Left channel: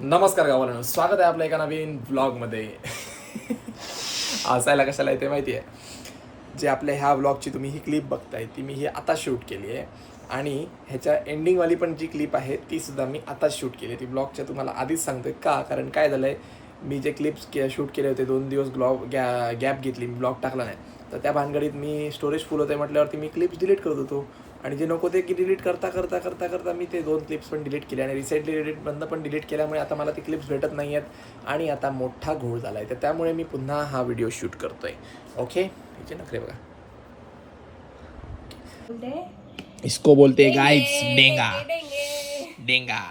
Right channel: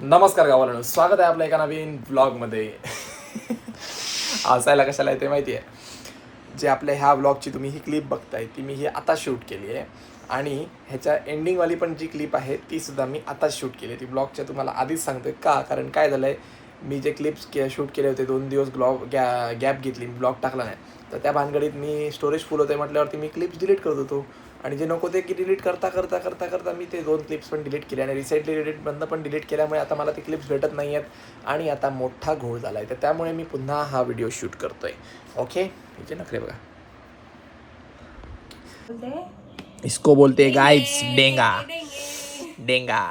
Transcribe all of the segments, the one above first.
नमस्कार गावाला, स्वागत आहे आपल्या एका नवीन व्लॉगमध्ये. हसायला कशाला येते माहिती आहे, जे आपल्या ह्या व्लॉगची तुम्ही ही क्लिप बघताय ती मी ही आता शूट केली आहे आणि ह्याच्या एंडिंगवाली पण जी क्लिप आहे ती सुद्धा मी आताच शूट केली. ती ब्लॉगच्या तुम्हाला आधीच सांगतोय का, कारण काय झालं आहे, मी जे क्लिप्स शूट केले होते 2 दिवस गॅप घेतली, मी ब्लॉग टाकला नाही, तर त्या भानगडीत मी स्टोरेज फुल होते म्हटल्यावरती मी क्लिप्स डिलीट करत होतो आणि जे नको ते की डिलीट करता मी ते 2 क्लिप्स पण डिलीट केले आणि रिसेंटली डिलीटमधनं पण डिलीट केल्यामुळे आता मला ते क्लिप्स भेटत नाही आहेत आणि आता मोठा घोळ झाला आहे. तर त्यामुळे मी पुन्हा हा व्हिडिओ शूट करतो आहे. ओके, हिचे नखरे बघा. इसको बोलते गाइस डेंगा. डेंगा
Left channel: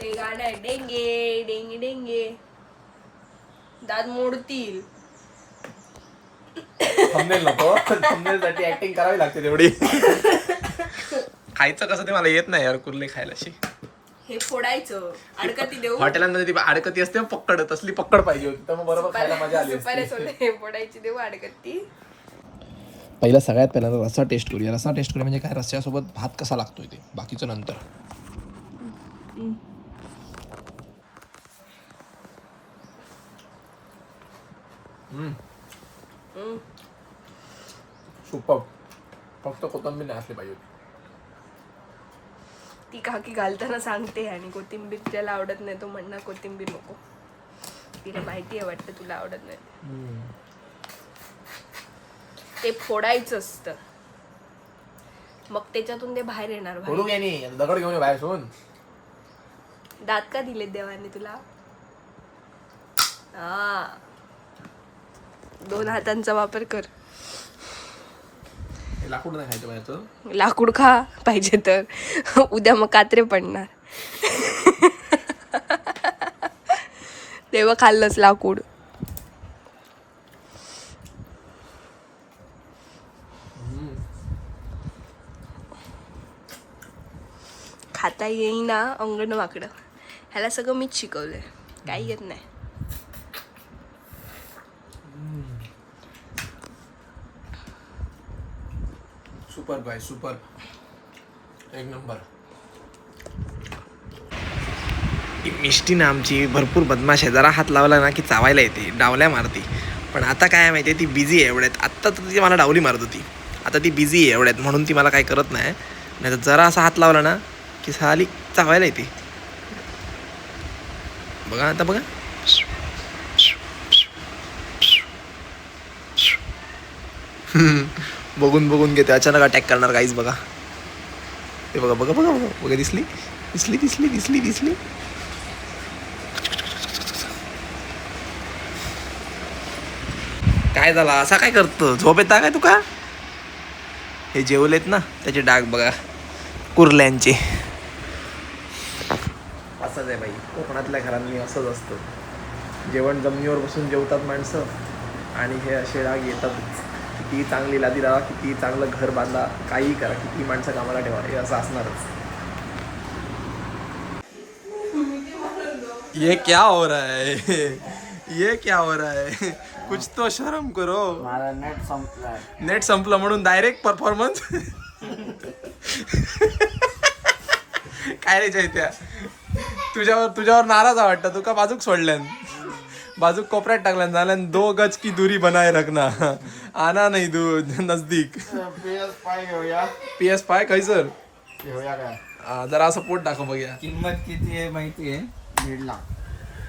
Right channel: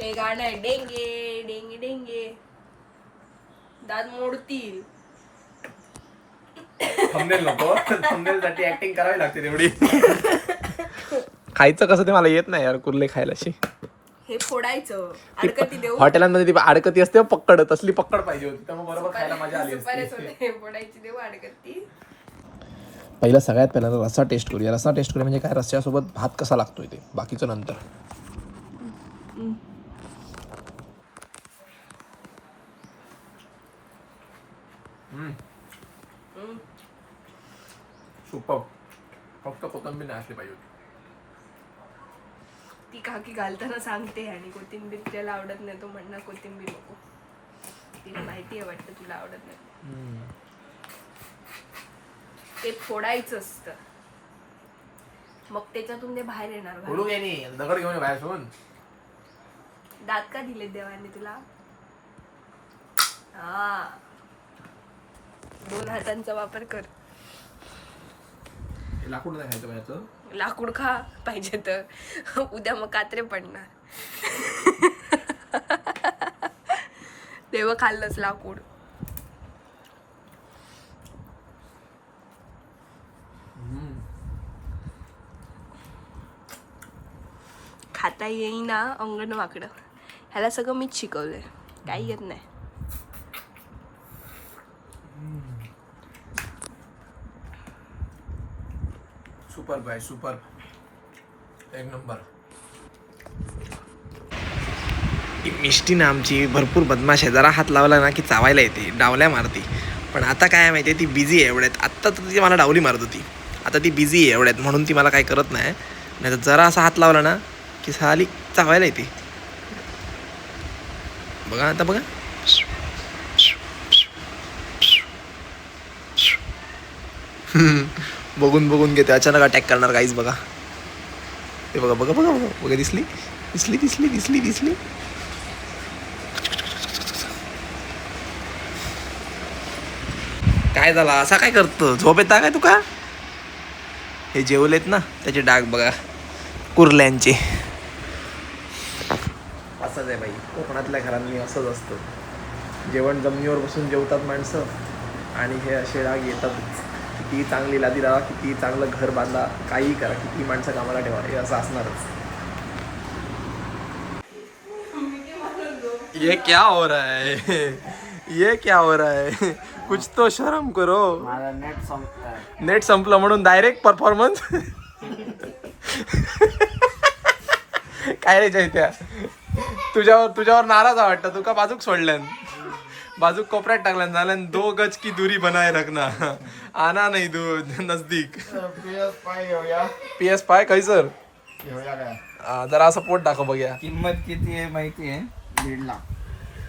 ते गाणं आहे डेंगे डेंगे डेंगे दात मोडतील. थंबनेल नको, थंबनेल साठी ऍक्टिंग करावी लागते तेवढी. खायचं कसं ते मला येत नाही यार, कुर्ले खायला शी. हे फोडायचं अडकती देऊ. हॉटेलांमध्ये ती अडकती असते पक्कड, तसली पक्कड पाहिजे होती, तर मग बरोबर खायला मजा आली सुपारी असती. सोडे, हे फोडायची देऊ अडकती. पहिला सगळ्यात पहिला रस्सा टेस्ट करूया. रस्सा टेस्ट करूया म्हणजे काय, रस्स्यासोबत भात कसा लागतोय ते, बाकीचं नंतर. सुपर. फक्त कोथिंबीर नाही असली पाहिजे. ती काकी घालताना सांगते आणि कोथिंबीर त्याला आवडत नाही, तो म्हणणार कोथिंबीर नको. तिला माहिती आहे वाटतं तुला आवडत नाही. ते फोडायचं असतं, मग त्याच्यातून ते बाहेर येणार. फोडू घे, दगड घेऊन ये बाहेर सोडून. दात का दिले देवाने तुला? हा, 2 हातांचा वापर कर. लाकूड नाही खायचं बाहेरचं. लाकूड खा पाहिजे तर, उद्या मग कात्रे पडणार. तेव्हा खाल्लंच लाकूड. खाता येईना अंगण वाकडं. ह्याला सगळं मीच शिकवलंय, काही येत नाही. सुपर बाय सुपर, एक नंबर. मिष्टी ना आमची भरपूर बदमाश आहे. जरा हात लावला ना की चावायला येते, डावल्या मारती. पण आता काय माहिती आहे, ती बिझी आहे एवढ्यात. आत्ता तर ती मला डावली मारत होती, आता ती बिझी आहे एवढ्यात म्हणून ती मला काय करत नाही. नाही तर जरा असा हात लावला ना की साली चावायला येते. बघा आता बघा. बघून बघून घेते, अचानक अटॅक करणार गाईज. बघा ते, बघा बघा बघा बघा बघा, दिसली दिसली दिसली दिसली दिसली. काय झालं, असा काय करतो, झोप येता काय तुका? हे जेवलेत ना त्याचे डाग बघा, कुर्ल्यांचे. असंच आहे बाई, कोकणातल्या घरांनी असंच असतं. जेवण जमिनीवर बसून जेवतात माणसं आणि हे असे डाग येतातच. किती चांगली लादी लावा, किती चांगलं घर बांधा, काही करा, किती माणसं कामाला ठेवा, हे असं असणारच. ये क्या हो रहा है, ये क्या हो रहा है, कुछ तो शर्म करो. माझा नेट संपलाय. नेट संपलं म्हणून डायरेक्ट परफॉर्मन्स. काय रे चैत्या, तुझ्यावर नाराज वाटतं. तुका बाजूक सोडल्यान, बाजूक कोपऱ्यात टाकल्यान, झाल्यान 2 गज की दूरी बनाए रखना, आना नाही नजदीक. PS5 घेऊया. PS5 काय सर, घेऊया काय? जरा असं पोट दाखव बघूया. किंमत किती आहे माहिती आहे? 1.5 लाख.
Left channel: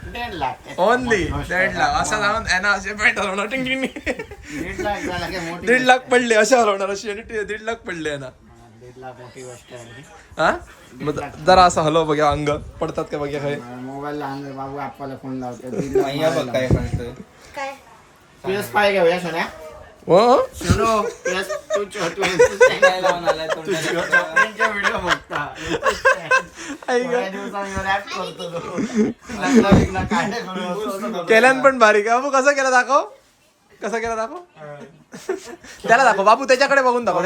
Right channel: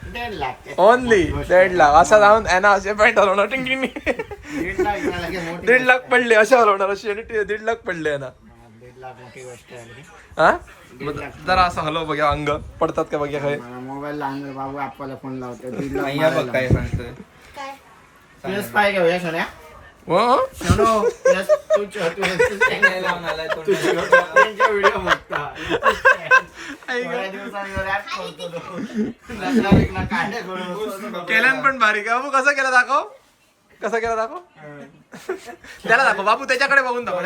1.5 लाख ओनली 1.5 लाख. असा जाऊन ना असे पॅन्ट हलवणार, टिंग टिंग. 1.5 लाख झाला की मोठी 1.5 लाख पडले असे हलवणार, अशी आणि 1.5 लाख पडले ना. 1.5 लाख मोठी गोष्ट आहे. हा, जरा असं हलव बघा, अंग पडतात का बघा. काय मोबाईल लहान बाबू आपल्याला फोन लावतो. काय सांगतोय? PS5 घेऊया सोन्या. सोनो व्हिडिओ बघता. केल्यान पण भारी का बाबू, कसा केला दाखव, कसा केला दाखव. त्याला दाखव बाबू, त्याच्याकडे बघून दाखव,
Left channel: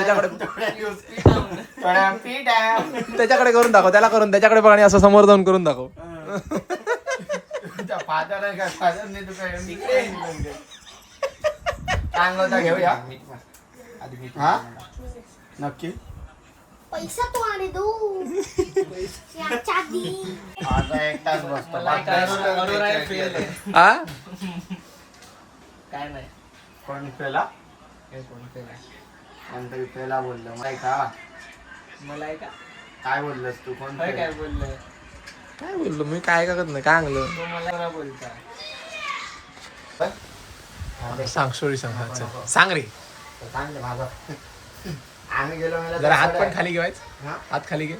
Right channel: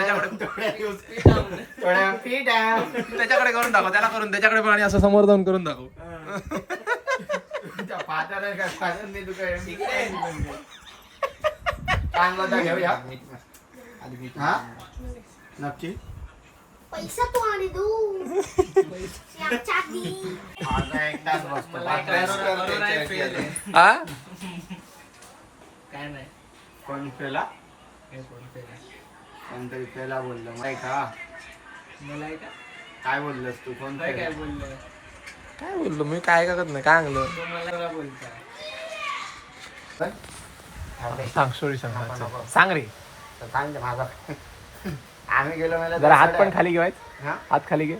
त्याच्याकडे करून दाखव, त्याला करून त्याच्याकडे बघ आणि असं समोर जाऊन करून दाखव. घेऊया नक्की. पैसा तू आणि दू माझा एक तास बसतो हा काय नाही कोण पेला कोणतरी पेला बोललं माहिती का मला का काय बोललंस तू कोण काय पेला? बोललं काय बोललो मी काय करत नाही काय आणलं मला बोलता सांग स्टोरी सांग हा, चल. सांग रे तर सांग दे माझा आम्ही गेलो मला जरा हात पण खाली घेवायचं हा? हात खाली घे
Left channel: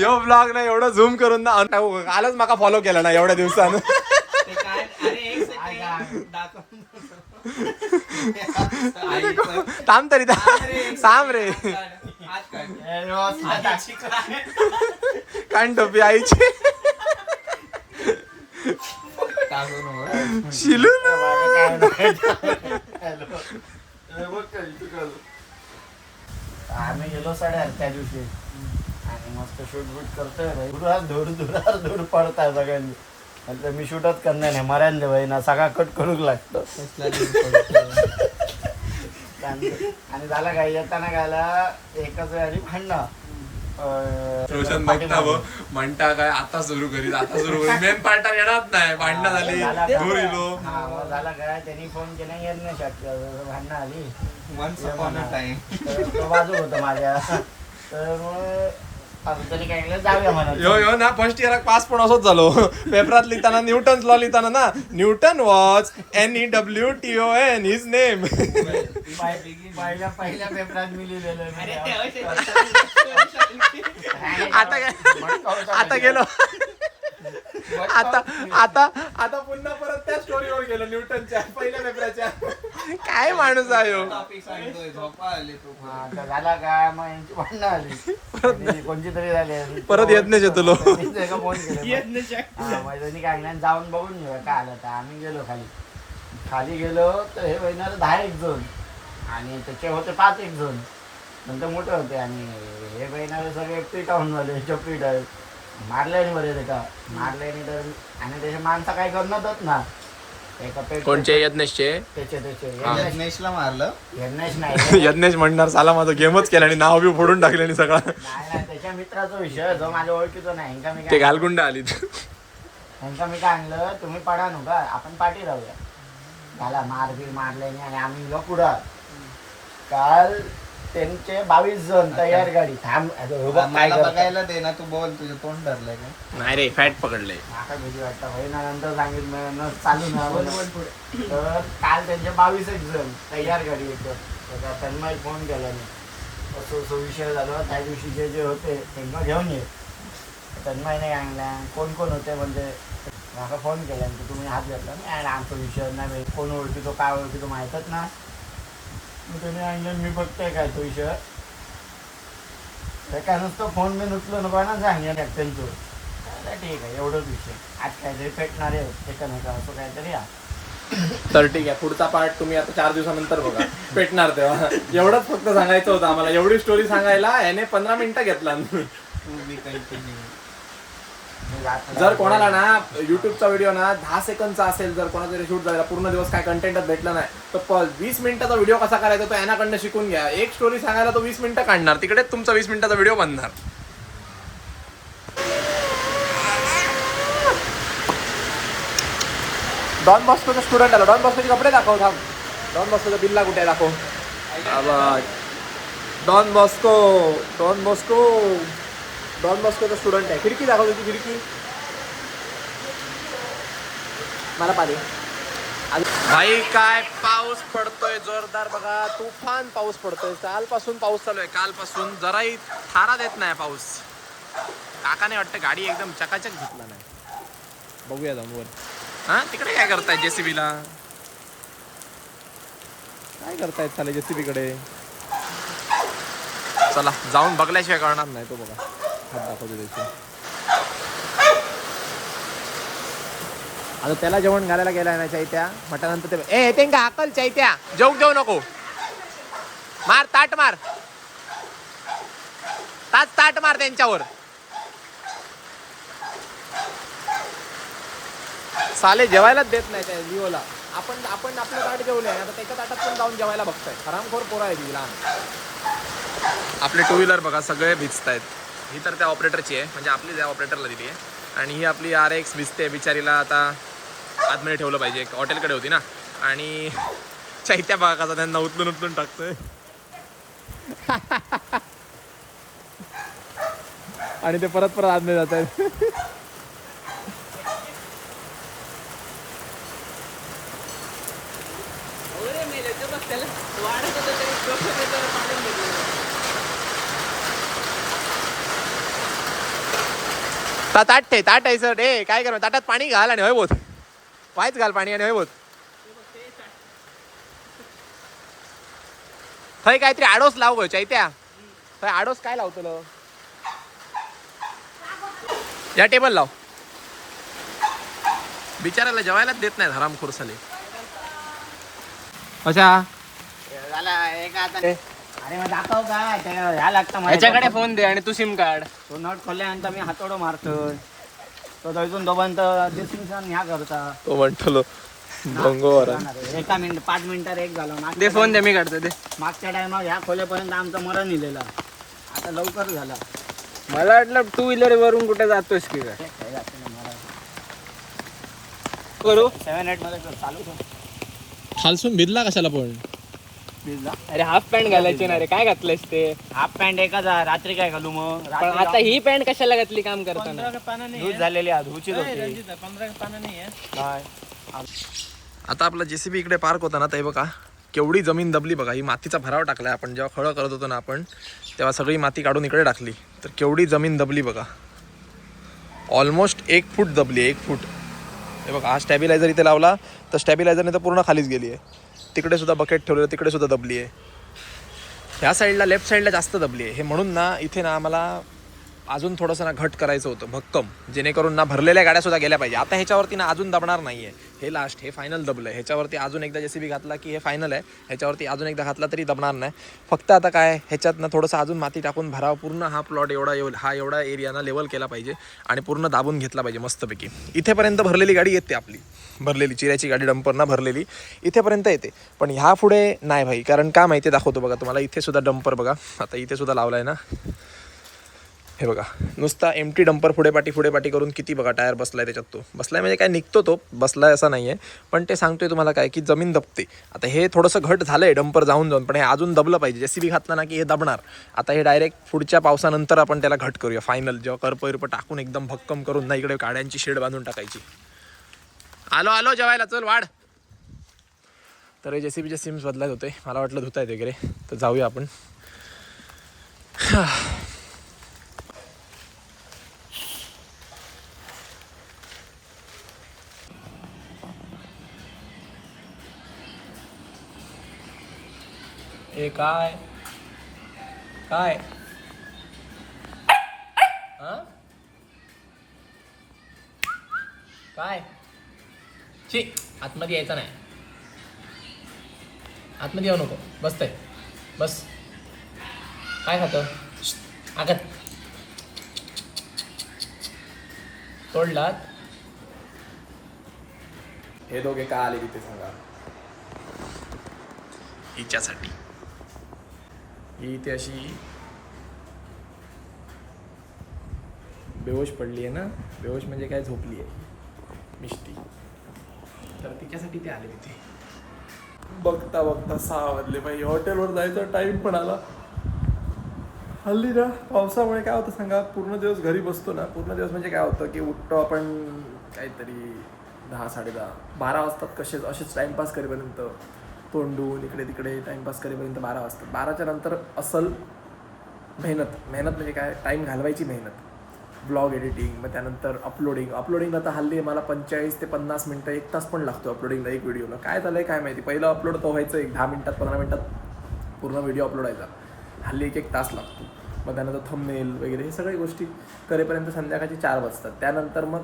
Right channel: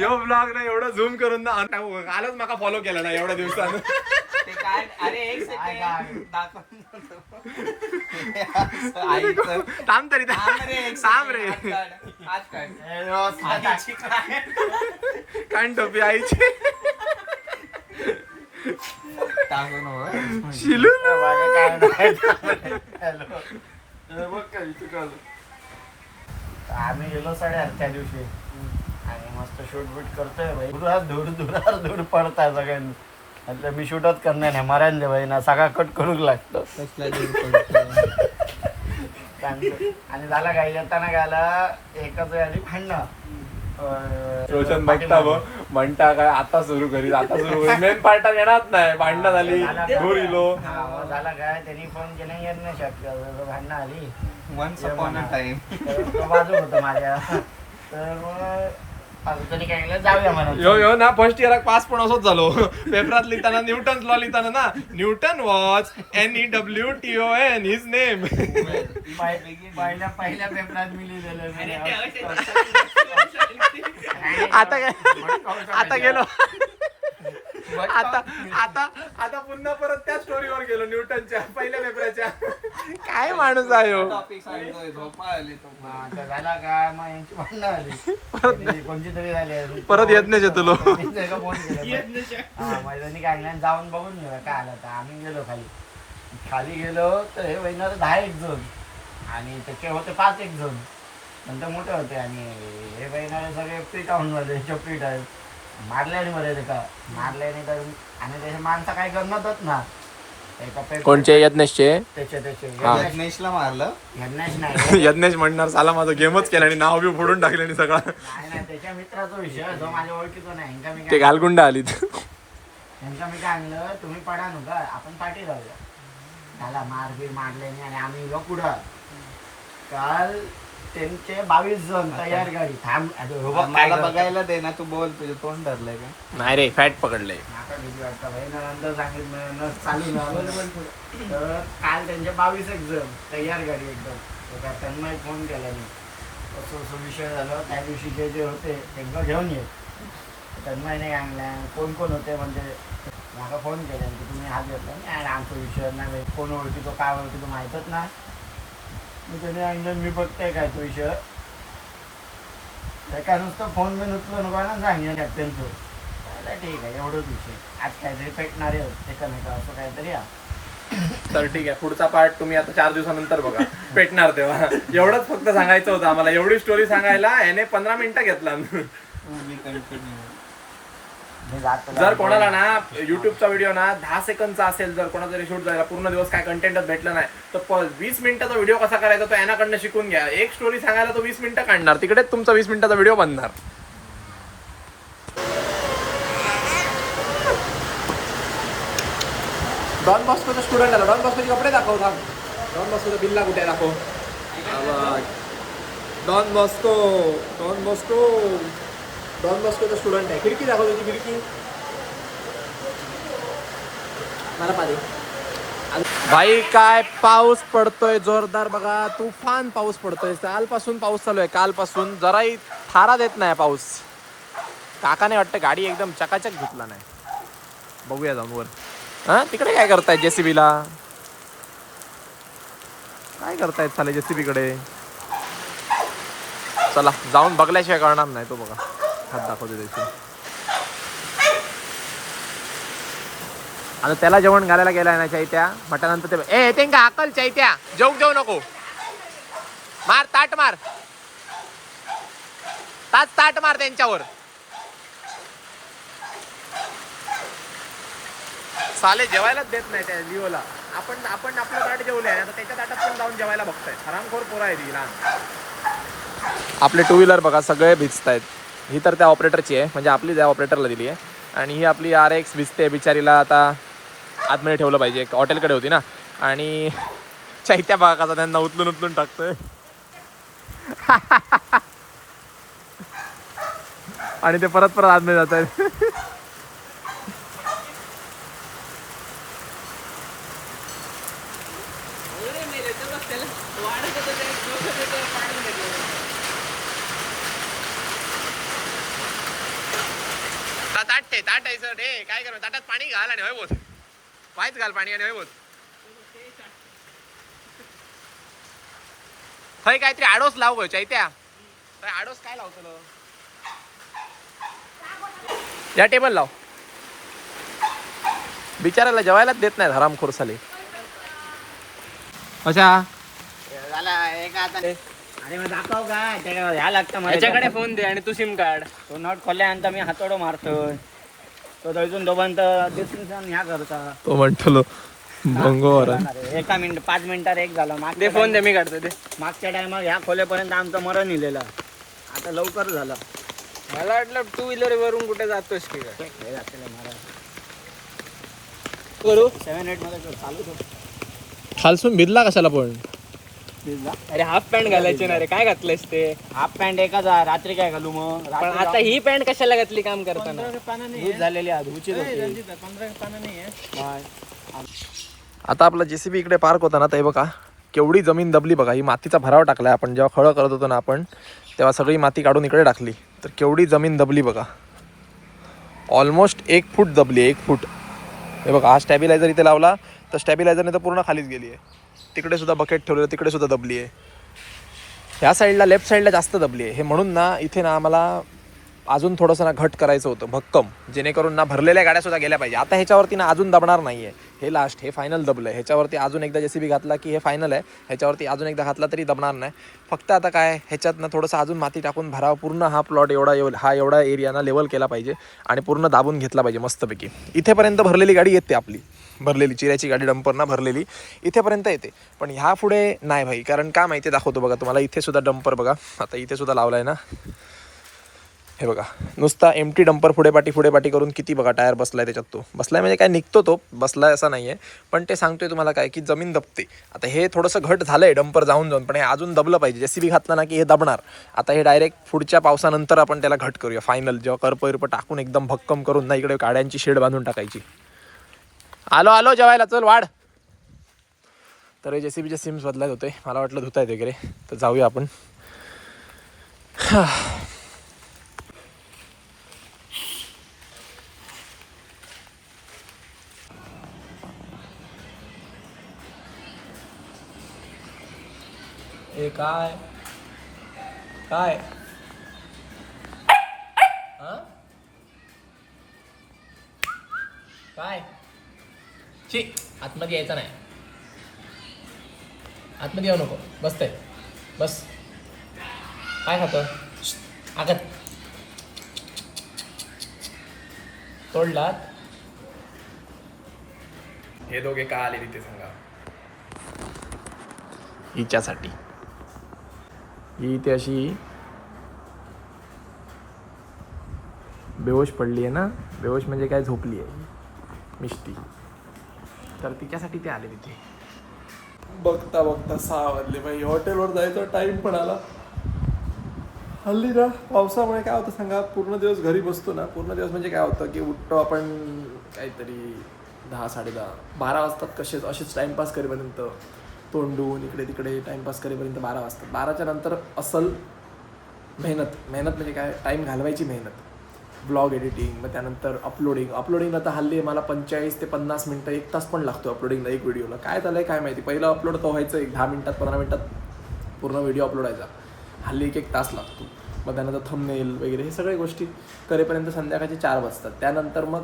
यो ब्लॉग ना एवढं झूम करून ना कालच माका फॉलो केला ना एवढ्या दिवसानं ते काय अरे एक सेकंड दाखव थांब तरी थांब रे आज काय कान टोपी आईची शिलू आम्ही गेलो 8:30 त्या दिवशी आणि मस्त शूट बूट करतोय भाई धूर पडताय सगळ्यांनी म्हटलं मी शूटच करणार नाही मरायला भाई ना सगळा कट करूक लागतो आणि झाला काय येताना गायला एकच वेळी भांडणं रोशन बघता म्हणता काय आता सुरू करीत आता सुरू करीत मेन पार्टात येणार नाही भांडणं झाली दूर इलो हा मग झाला काय त्यांनी फोन केला येत नाही शक्य भांडणं आली तर तो बाजू होता माझ्या तर मग त्यांनी काय केलं जाऊया म्हणा यो ना फर्स्ट इयराक पास पण असंच झालो पेपरात लिहिताना न्यूटन्स लॉ लिहिताना ना Newton was NEWTON his name पहिल्या पेपरात मी लिहिलेलं आता काय आता गेलो आता पुन्हा परत त्या स्टोरीवर गेलो न्यूटनच्या पहिल्या पेपराच्या काय माणूस आहे हो आता झाला काय मग यांची भांडणं आली कोणती तरी झाली परत येत नाही तुलो फोन केला मैदानी काय नाही जाऊन बघून घेऊ काय आलं तर आम्ही गेलो खाली गेलो तर हे बहिणार 10 जण आणि त्याचे होते 5 जण नंतर मोठे होते आणि हे बहिणारे सगळे पीठ आहून झाले चपीट आहे मारल्याने बरे का मारल्याने तर आणि त्याचे माणसं काय करणारच ना कोणचे यज्ञेशचे यज्ञेशला मारलं यज्ञेश नाही यज्ञेश म्हणणार साला माझा गेमच केला आणि नाव बी फोडून टाकले आणि सगळा नाही त्याच्या मित्राचा विषय जो माझ्या ओळखीचा नाही ह्यांका मी ते घालगुंड आलीत ह्यांका मी काय आणलं तुम्ही पडा नू का आपण पाठी राहूया झाला मारबीर मारल्याने आणि आम्ही गेलो पुढं काल त्यांचे 22 जण तयार गाडी थांब काय बघायला दे ना तू बोल तुझं तोंड धरलंय का नाही रे फॅट पकडले माका भीती वाटतं भाई ना नंतर सांगितलं चालू ना तर काल त्यांचे 22 जण तयार गाडी एकदम तन्मय फोन केल्याने असं विषय झाला त्या दिवशी जे होते त्यांना घेऊन ये तन्मय नाही आणल्या कोण होते म्हणजे माका फोन केला तुम्ही हात घेतला नाही आमचा विषय नाही कोण ओळखीतो काय ओळखीतो माहीतच ना तुम्ही आणलं मी बघताय काय तो विषय काय नुसतं फोन बी नुसलं नको ना सांगेन त्यांचं ठीक आहे एवढंच विषय आज काहीतरी पेटणारे एकमेका असं काहीतरी तर ठीक आहे पुढचा पार्ट तुम्ही आता 4 दिवसानंतर बघा पेटणार तेव्हा एवढंच फक्त सांगायचं होतं आम्हाला एवढी स्टोरी सांगायला याने 15 मिनिटं घेतला जर कोणाला ना युट्यूबचा व्हिडिओ ना 10 सेकंदचा असेल जर कोणाचा शूट झाला पूर्ण दिवस काय कंटेंटच भेटला नाही तर 20 मिनिटाचा व्हिडिओ कसा करायचा तो यानाकडनं शिकून घ्या एक स्टोरी सांगायला तो 20 मिनिटं काढणार तिकडेच तुमचा 20 मिनिटाचा व्हिडिओ बनणार डॉन बॉस्कोचा स्टुडंट आला डॉन बॉस्कोचे कपडे दाखव थांब डॉन बॉस्कोचा बिल्ला कुठे दाखव डॉन बॉस्कोचा स्टुडंट आहे खिडकी दाखव तुझी खिडकी मला पाहिजे भाई काय पाऊस पडतोय जोरदार बघा तुफान पाऊस पडतोय कालपासून पाऊस चालू आहे कालपासून जराही थारा देत नाही पाऊस काकाने वाटतं गाडी एकदम चकाचक घेतला नाही बघूया जाऊन वर हा तिकडे काय करतायत जेसीबीला काय करतायत चाले जेसीबी कडे चला जाऊन बघल्याशिवाय कळणार नाही तो बघा हात दाखवतो त्याचे आता त्याला जेवण घालायला गेलाय ना चैत्या म्हटल्यानंतर ते ते का अकल चैत्या जेऊ नको मार ताट मार ताट मार त्यांच्यावर साले जेवायलाच देत नाही त्या लिओला. आपण आपलं ताट जेवले आणि आता त्याच्या ताटात पण जाऊन जेवायला बघताय. हरामखोर पोरं आहे ती लहान. आपले टू व्हीलर बघा सगळे भिजतायत. ही तर त्या ऑपरेटरची आहे, म्हणजे आपली त्या ऑपरेटरला दिली आहे. आणि ही आपली RX भिजते बिचारीला. आता आतमध्ये ठेवलं पाहिजे, एक हॉटेलकडे होती ना. आणि चैत्या बघा कसा त्यांना उचलून टाकतोय. आणि ते परत आतमध्ये जात आहेत. ताट आहे सर. काय कर ताटात पाणी घाल आणि होय बोत वायच घाल पाणी आणि होय बोत. थंय काहीतरी आडोस लाव गो चैत्या. थंय आडोस काय लावतो या टेबल लाव. बिचारायला जेवायलाच देत नाही हरामखोर साले. अशा अरे मग दाखव काय ह्या लागतं मला. याच्याकडे फोन दे आणि तू सिम कार्ड. तो नट खोल्यानंतर मी हातोडो मारतोय. तो थंयसून दोघांत डिस्टिंक्शन ह्या करता. तो म्हणतो एका मिनिट 5 मिनिटात एक झाला. दे फोन दे मी काढतो दे. मागच्या टायमात ह्या खोल्यापर्यंत आमचं मरण इलेला. आता लवकर झाला. मला वाटलं टू व्हीलर वरून कुठे जातोस की काय. करू 7-8 मध्ये चालू खालसून भिजला कशाला पण. भिजला. अरे हाफ पॅन्ट घालायचे ना रे. काय घातलंयस ते. हाफ पॅन्ट एकच आहे. रात्री काय घालू मग. पण आता ही पॅन्ट कशाला घातली काम करताना. धूत झालेली आहे. धुची आता आपला JCB इकडे पार्क होता ना, तर हे बघा केवढी जमीन दबली बघा. ही मातीचा भराव टाकलाय आपण. जेव्हा खळं करत होतो ना आपण, तेव्हा सगळी माती काढून इकडे टाकली. तर केवढी जमीन दबली बघा. ऑलमोस्ट 1 फूट दबली आहे. 1 फूट. हे बघा हा स्टॅबिलायझर इथे लावला तर स्टॅबिलायझरने तर पूर्ण खालीच गेली आहे. तिकडे सुद्धा बकेट ठेवलेलं, तिकडे सुद्धा दबली आहे. ह्या साईडला लेफ्ट साईडला जास्त दबली आहे. हे म्हणून ना इथे ना आम्हाला अजून थोडंसं ना घट करायचं होतं भक्कम, जेणेकरून ना भरलेल्या गाड्या सुद्धा गेल्या पाहिजे. आता ह्याच्यावरती ना अजून दबणार नाही आहे. हे लास्ट, हे फायनल दबलं आहे. ह्याच्यावरती अजून एकदा JCB घातला की हे फायनल आहे. ह्याच्यावरती अजून एकदा घातला तरी दबणार नाही. फक्त आता काय ह्याच्यात ना थोडंसं अजून माती टाकून भरावं. पूर्ण हा प्लॉट एवढा एरिया ना लेवल केला पाहिजे आणि पूर्ण दाबून घेतला पाहिजे मस्तपैकी. इथेपर्यंत भरलेली गाडी येते आपली. भरलेली चिऱ्याची गाडी डंपर ना भरलेली इथेपर्यंत येते. पण ह्या पुढे नाही भाई. कारण का माहिती दाखवतो बघा तुम्हाला. इथे सुद्धा डंपर बघा. आता इथे सुद्धा लावला आहे ना. हे बघा नुसता एमटी डंपर पुढे पाठी करून किती बघा टायर बसलाय त्याच्यात. तो बसलाय म्हणजे काय निघतो तो बसलाय असा नाही आहे. पण ते सांगतोय तुम्हाला काय की जमीन दबते. आता हे थोडंसं घट झालंय डंपर जाऊन पण हे अजून दबलं पाहिजे. JCB घातला ना की हे दबणार. आता हे डायरेक्ट पुढच्या पावसानंतर आपण त्याला घट करूया फायनल. जेव्हा करप टाकून एकदम भक्कम करून ना इकडे गाड्यांची शेड बांधून टाकायची. आलो जेवायला चल वाढ. तर JCBचे सिम्स बदलायचे होते. मला वाटलं धुतायत वगैरे, तर जाऊया आपण. ए काय काय काय ची आतमध्ये यायचं नाही. आतमध्ये येऊ नको. बसतंय बस. काय खातं आगत तोडलात. हे दोघे का आले तिथे सांगा. हिच्यासाठी ही इथे अशी बेहोश पडली आहे ना. बेहोश म्हणजे काय झोपली आहे मिष्टी. तर तिच्यासाठी ते आले तिथे. बघता 6 वाजले बाई. हॉटेलवर जायचा टाईम पण आला. हल्ली ना पावसामुळे काय होतं सांगा. पूर्ण दिवस घरी बसतो ना. पूर्ण दिवस म्हणजे काय होतं की उठतो आपण काहीतरी 10, 10:30, 12 वाजतात. असेच टाईमपास करेपर्यंत तोंडून इकडे तिकडे टाईमपास करेपर्यंत 12 वाजतात. 12च्या नंतर असल मेहनत म्हणजे काय टाईम घालवायची मेहनत. ब्लॉग एडिटिंग, मग त्यानंतर अपलोडिंग आता हल्ली मला 45 ते 50 मिनटं 1 तास पण लागतो अपलोडिंगला. एक व्हिडिओला काय झालं आहे काय माहिती. पहिलं अपलोड तर व्हायचं 10 मिनिटात 15 मिनिटात पूर्ण व्हिडिओ अपलोड व्हायचा. हल्ली 1 तास लागतो. मग त्यानंतर थंबनेल वगैरे हे सगळ्या गोष्टी करेपर्यंत संध्याकाळचे 4 वाजतात. त्यानंतर मग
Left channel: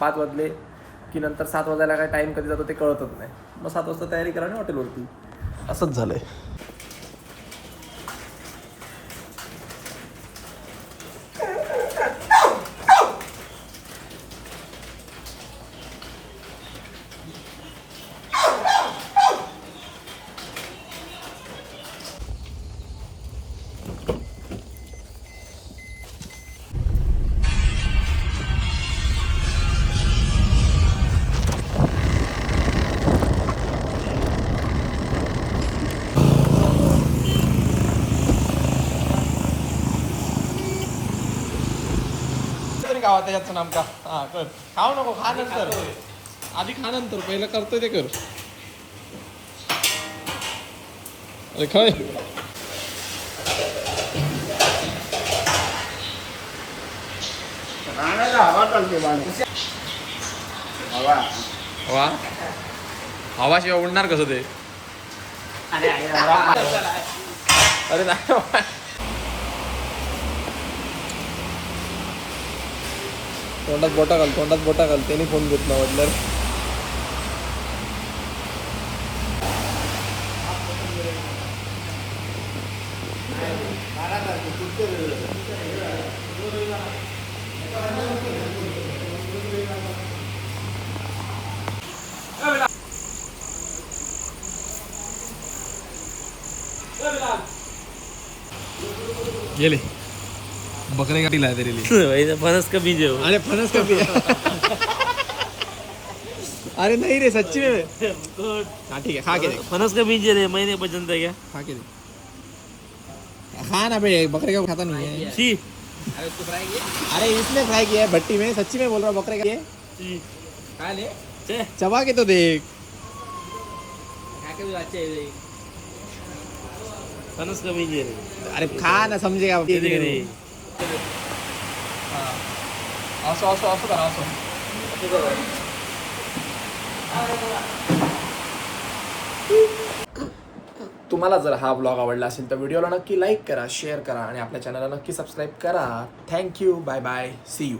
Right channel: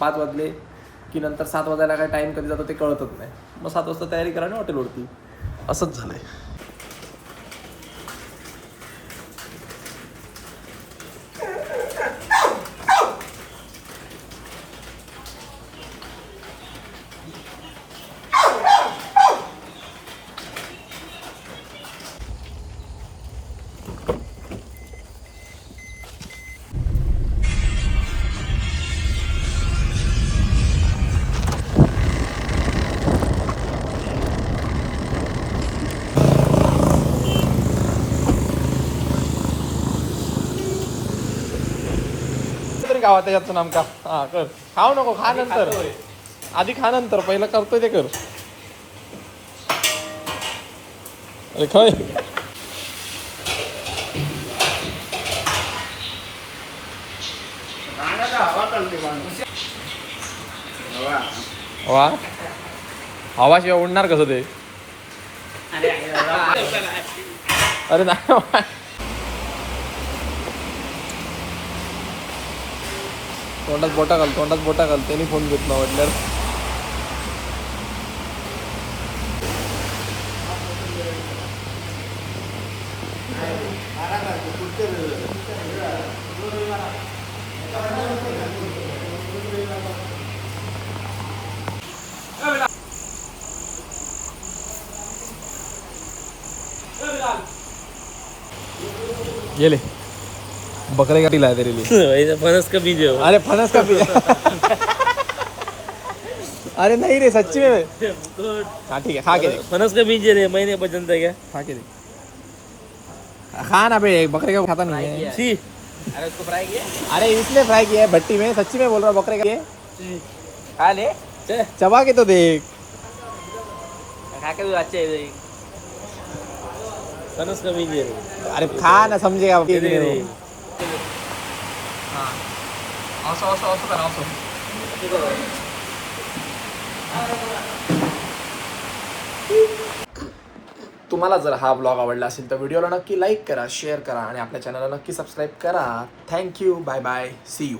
5 वाजले की नंतर 7 वाजायला काय टाईम कधी जातो ते कळतच नाही. मग 7 वाजता तयारी करा आणि हॉटेलवरती. असंच झालं आहे. त्याच्यातून आमका हा कर खाऊ नको खा नंतर आधी खा नंतर पहिलं करतोय ते कर अरे खाय वा हवाशिवाय उडणार कसं ते अरे ना तोंडात बोटा घाल त्यांनी फोन घेतला म्हटल्यावर गेले बकरे गाठीला तेरे लिए फणस का बीज है वो। अरे फणस का भी अरे नहीं रे सच्ची में हाँ ठीक है खा के देख फणस का बीज है रे, मैंने पसंद है क्या? खा के देख खा ना बे बकरे का खाता नहीं है सी अरे उसको फ्राई किया अरे इसने फ्राई किया है भट्टी में सच्ची में बोल रहा बकरे का ये खा ले चे चबा के तो देख खा के भी अच्छा है ये। फणस का बीज है रे, अरे खा ना समझेगा ये देख रे। असं असं असं करा असं तुम्हाला जर हा ब्लॉग आवडला असेल तर व्हिडिओला नक्की लाईक करा शेअर करा आणि आपल्या चॅनलला नक्की सबस्क्राईब करा thank you bye bye see you